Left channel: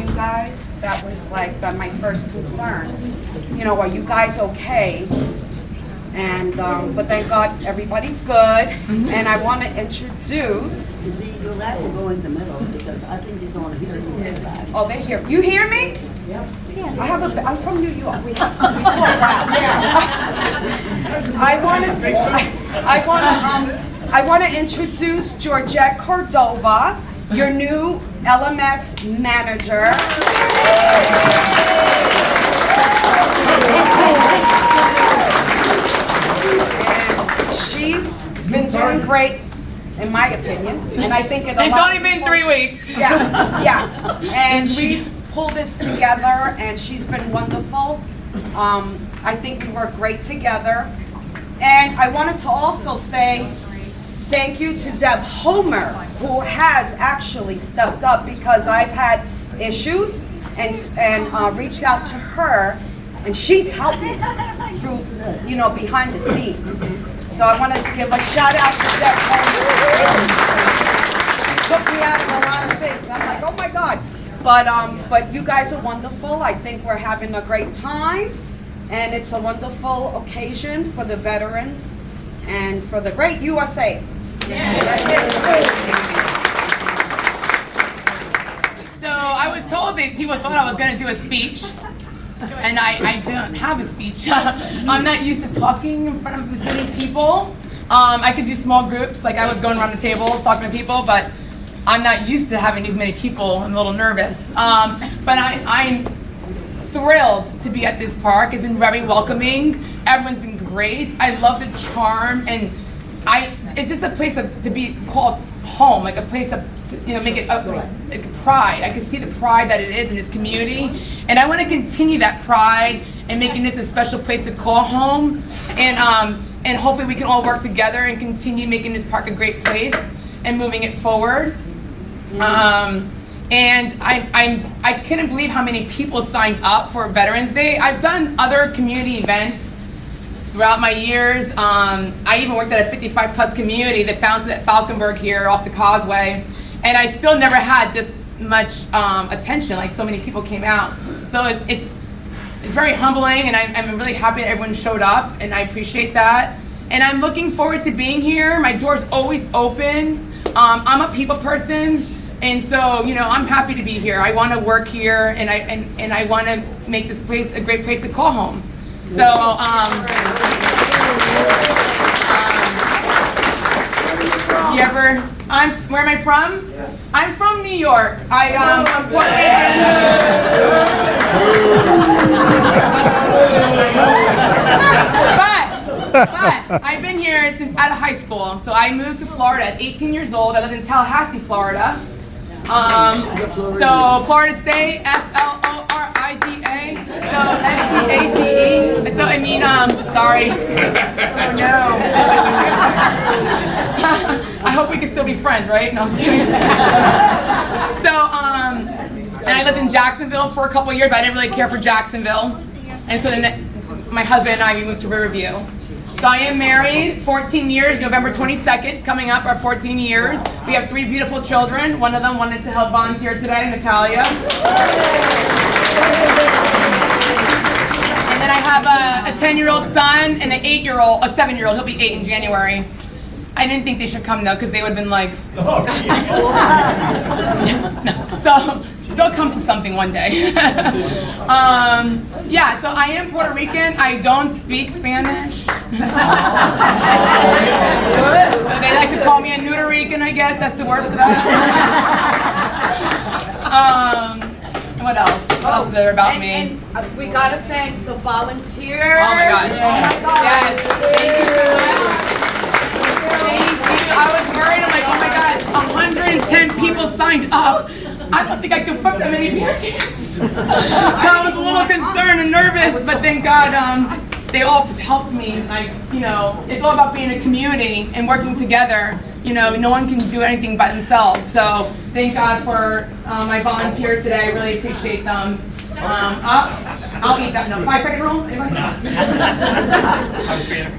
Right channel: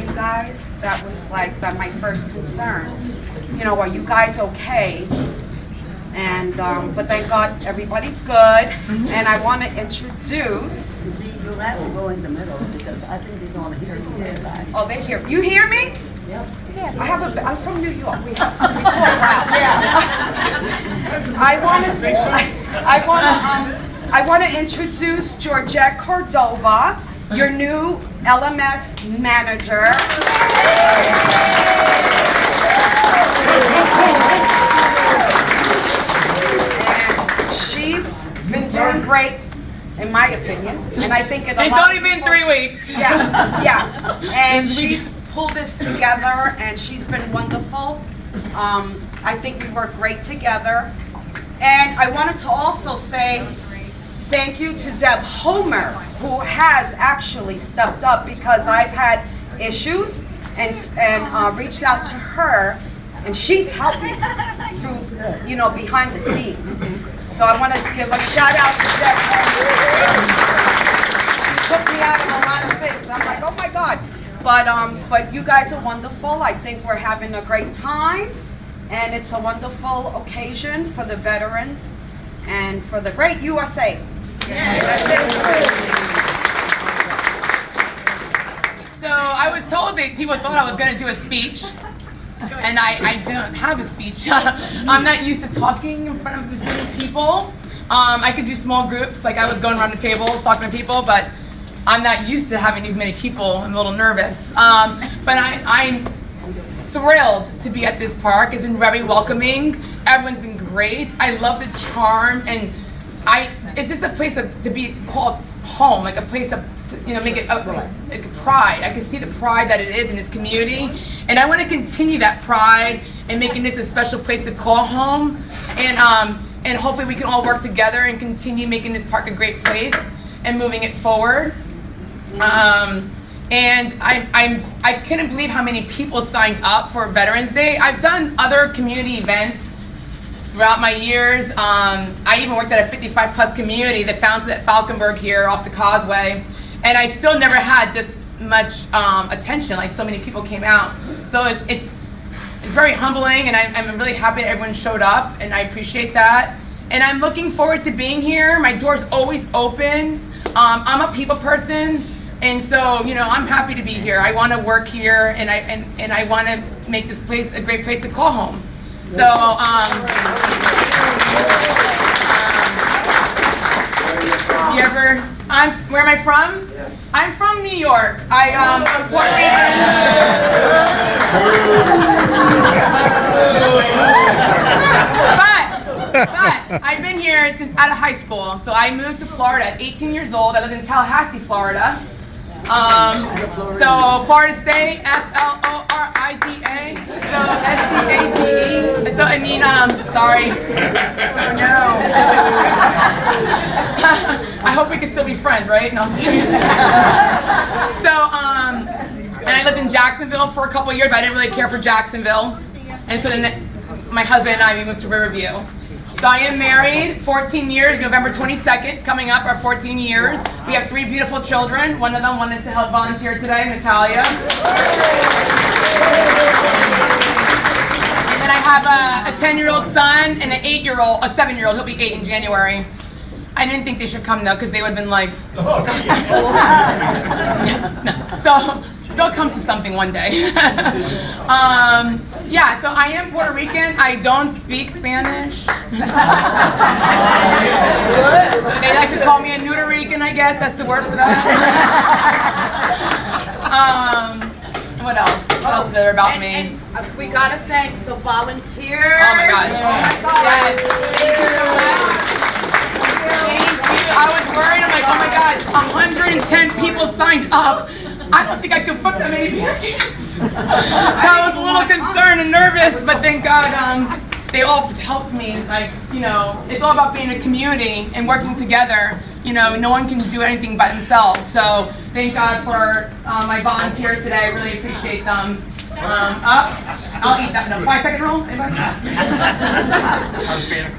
you guys. That was like my first concern. You know, are you guys okay? And but thank God everybody's good. And I want to introduce. You see, you'll have to go in the middle because I think they're going to hear you. Oh, they hear. You hear me? Yep. I'm from New York. We talk loud. I want to introduce Georgette Cordova, your new LMS manager. And she's been doing great, in my opinion. And I think it's only been 3 weeks. Yeah. And she's pulled this together, and she's been wonderful. I think we work great together. And I wanted to also say thank you to Deb Homer, who has actually stepped up because I've had issues and reached out to her, and she's helped me through, you know, behind the scenes. So I want to give a shout out to Deb Homer. She took me out of a lot of things. I'm like, oh my God. But you guys are wonderful. I think we're having a great time, and it's a wonderful occasion for the veterans and for the great USA. So I was told that people thought I was going to do a speech, and I don't have a speech. I'm not used to talking in front of this many people. I could do small groups, like I was going around the tables talking to people, but I'm not used to having these many people. I'm a little nervous. But I'm thrilled to be at this park. It's been very welcoming. Everyone's been great. I love the charm, and it's just a place to be called home, like a place of, you know, make it like a pride. I can see the pride that it is in this community, and I want to continue that pride and making this a special place to call home, and hopefully we can all work together and continue making this park a great place and moving it forward. And I couldn't believe how many people signed up for Veterans Day. I've done other community events throughout my years. I even worked at a 55 plus community that founded at Falkenberg here off the Causeway, and I still never had this much attention, like so many people came out. So it's very humbling, and I'm really happy that everyone showed up, and I appreciate that. And I'm looking forward to being here. My door's always open. I'm a people person, and so, you know, I'm happy to be here. I want to work here, and I want to make this place a great place to call home. So, where am I from? I'm from New York. I'm Puerto Rican. But I've been here since out of high school. So I moved to Florida at 18 years old. I lived in Tallahassee, Florida. So Florida State, Florida. So STATE. So I mean, sorry. Oh no. I hope we can still be friends, right? No, I was kidding. So, and I lived in Jacksonville for a couple of years, but I didn't really care for Jacksonville. And so then my husband and I, we moved to Riverview. So I am married, 14 years, November 22nd, it's coming up, our 14 years. We have 3 beautiful children. One of them wanted to help volunteer today, Natalia. And then I have a 10-year-old son and an 8-year-old, a 7-year-old, he'll be 8 in January. I didn't think they should come though, because they would have been like, yeah, no. So they'll come to something one day. Yeah, so I am Puerto Rican. I don't speak Spanish. So they like to call me a Nudarican, I guess. That's the word for that. What else? What else is there about me? We gotta thank the volunteers. Oh my God. Yes. Thank you so much. Thank you. I was worried. I'm like, oh my God, 110 people signed up. I don't think I could fuck that many parents. So I was a little concerned and nervous, but thank God they all helped me. Like, you know, it's all about being a community and working together. You know, no one can do anything by themselves. So thank God for my volunteers today. I really appreciate them. I'll eat that in a 5-second roll.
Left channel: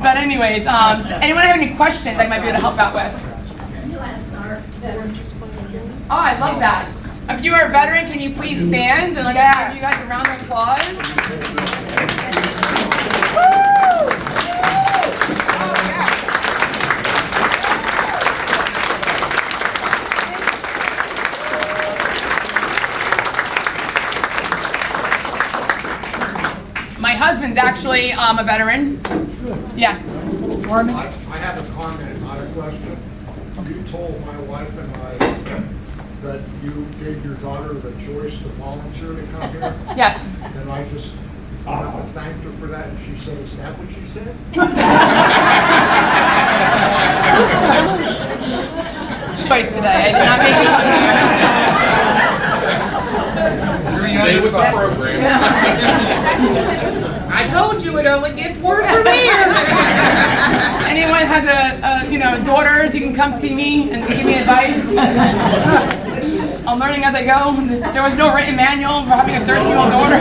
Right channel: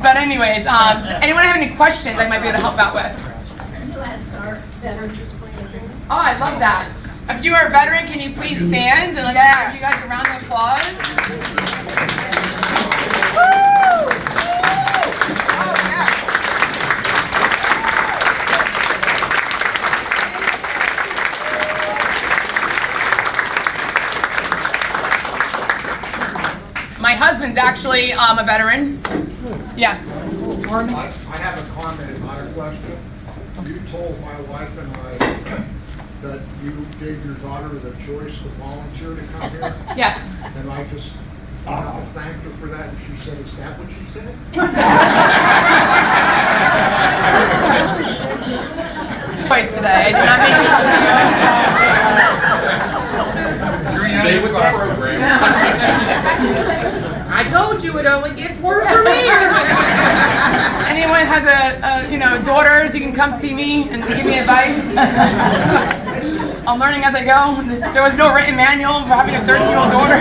But anyways, anyone have any questions I might be able to help out with? You asked our veterans. Oh, I love that. If you are a veteran, can you please stand and let's Yes. give you guys a round of applause. My husband's actually a veteran. Yeah. I have a comment, not a question. You told my wife and I that you gave your daughter the choice to volunteer to come here, Yes. and I just thanked her for that, and she said, is that what she said? Choice today. I did not make it. I told you it only gets worse from here. Anyone has daughters, you can come see me and give me advice. I'm learning as I go. There was no written manual for having a 13-year-old daughter.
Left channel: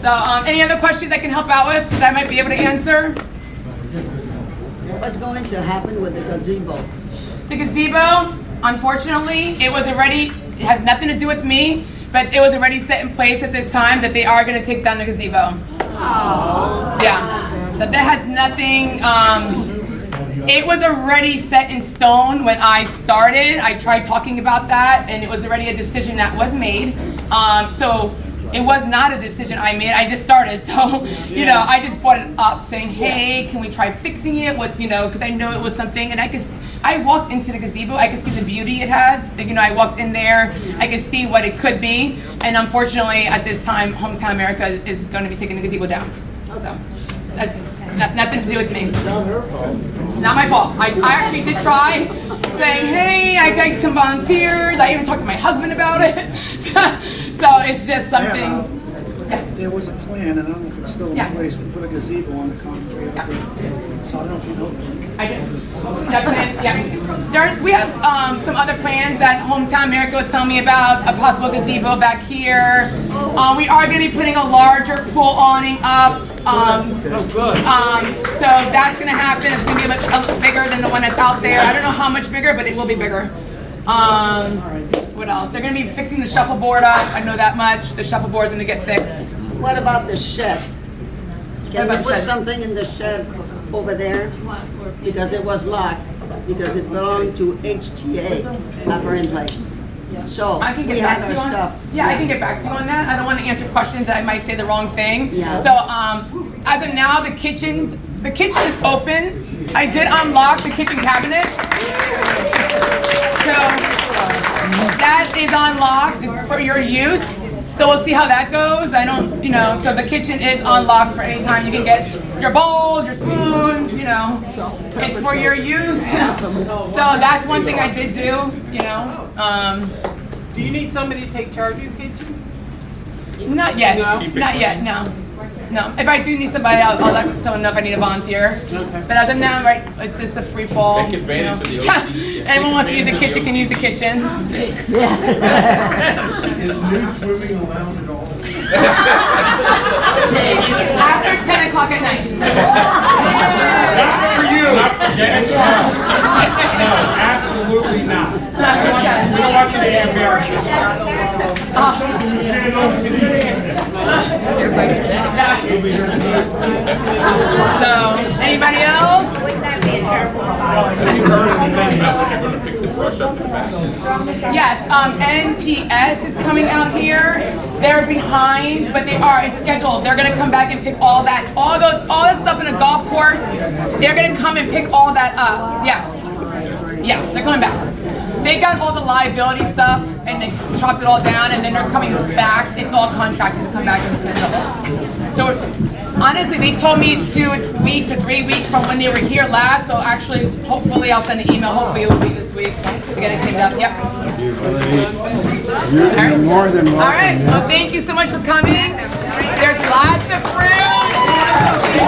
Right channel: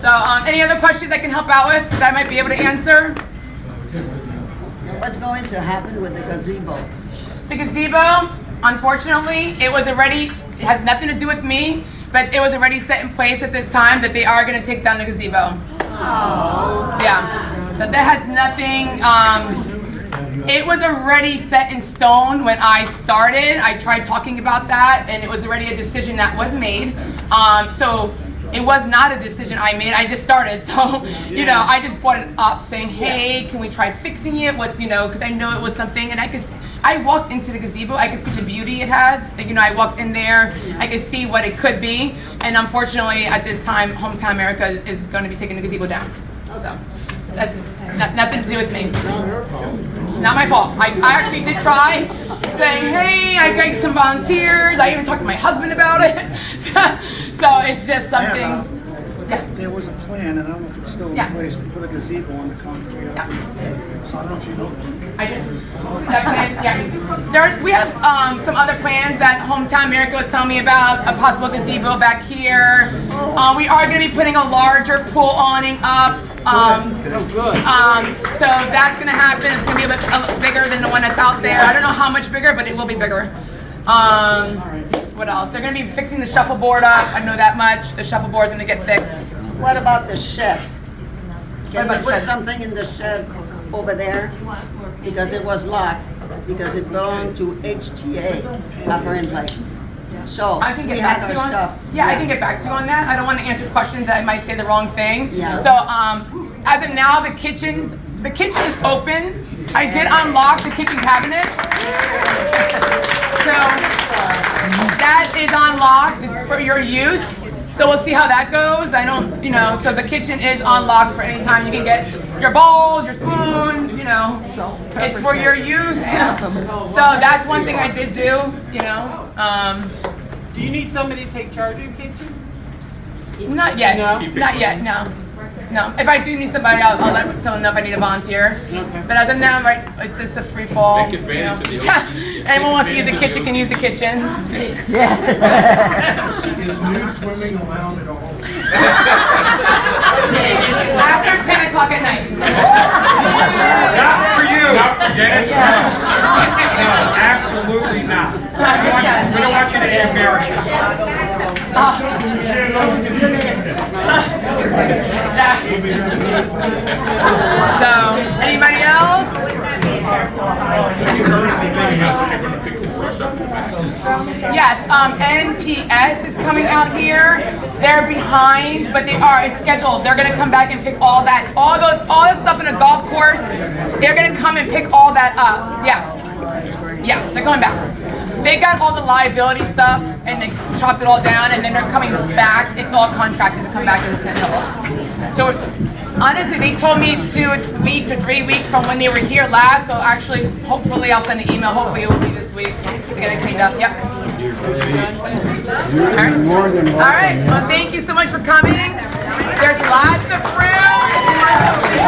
So, any other questions I can help out with that I might be able to answer? What's going to happen with the gazebo? The gazebo, unfortunately, it has nothing to do with me, but it was already set in place at this time that they are going to take down the gazebo. Yeah. So that has nothing, it was already set in stone when I started. I tried talking about that, and it was already a decision that was made. So it was not a decision I made. I just started. So, I just brought it up saying, hey, can we try fixing it? Because I know it was something, and I walked into the gazebo, I could see the beauty it has. I walked in there, I could see what it could be. And unfortunately, at this time, Hometown America is going to be taking the gazebo down. So that's nothing to do with me. Not my fault. I actually did try saying, hey, I got some volunteers. I even talked to my husband about it. So it's just something. There was a plan, and I don't know if it's still in place, to put a gazebo on the concrete out there. So I don't know if you know that. I did. That plan, yeah. We have some other plans that Hometown America was telling me about, a possible gazebo back here. We are going to be putting a larger pool awning up. So that's going to happen. It's going to be a bit bigger than the one that's out there. I don't know how much bigger, but it will be bigger. What else? They're going to be fixing the shuffleboard up. I know that much. The shuffleboard's going to get fixed. What about the shed? Can about you the put shed? something in the shed over there? Because it was locked, because it belonged to HTA, apparently. So, I can get we back had to you our on stuff. Yeah, I can get back to you on that. I don't want to answer questions that I might say the wrong thing. Yeah. So as of now, the kitchen is open. I did unlock the kitchen cabinets. So that is unlocked. It's for your use. So we'll see how that goes. So the kitchen is unlocked for any time. You can get your bowls, your spoons, it's for your use. So that's one thing I did do, Do you need somebody to take charge of your kitchen? Not yet. Not yet, no. No. If I do need somebody, I'll let someone know if I need a volunteer. But as of now, right, it's just a free fall. Take advantage of the OC. Anyone wants to use the kitchen can use the kitchen. Is nude swimming allowed at all? After 10 o'clock at night. Not for you. Dennis. No, absolutely not. We don't want you to embarrass yourself. So, anybody else? Yes, NPS is coming out here. They're behind, but it's scheduled. They're gonna come back and pick all the stuff in a golf course. They're gonna come and pick all that up. Yes. Yeah, they're coming back. They got all the liability stuff and they chopped it all down, and then they're coming back. It's all contracted to come back and handle. So honestly, they told me 2 weeks or 3 weeks from when they were here last. So actually, hopefully, I'll send an email. Hopefully, it will be this week to get it cleaned up. Yep. All right. All right. Well, thank you so much for coming. There's lots of fruit. You want something?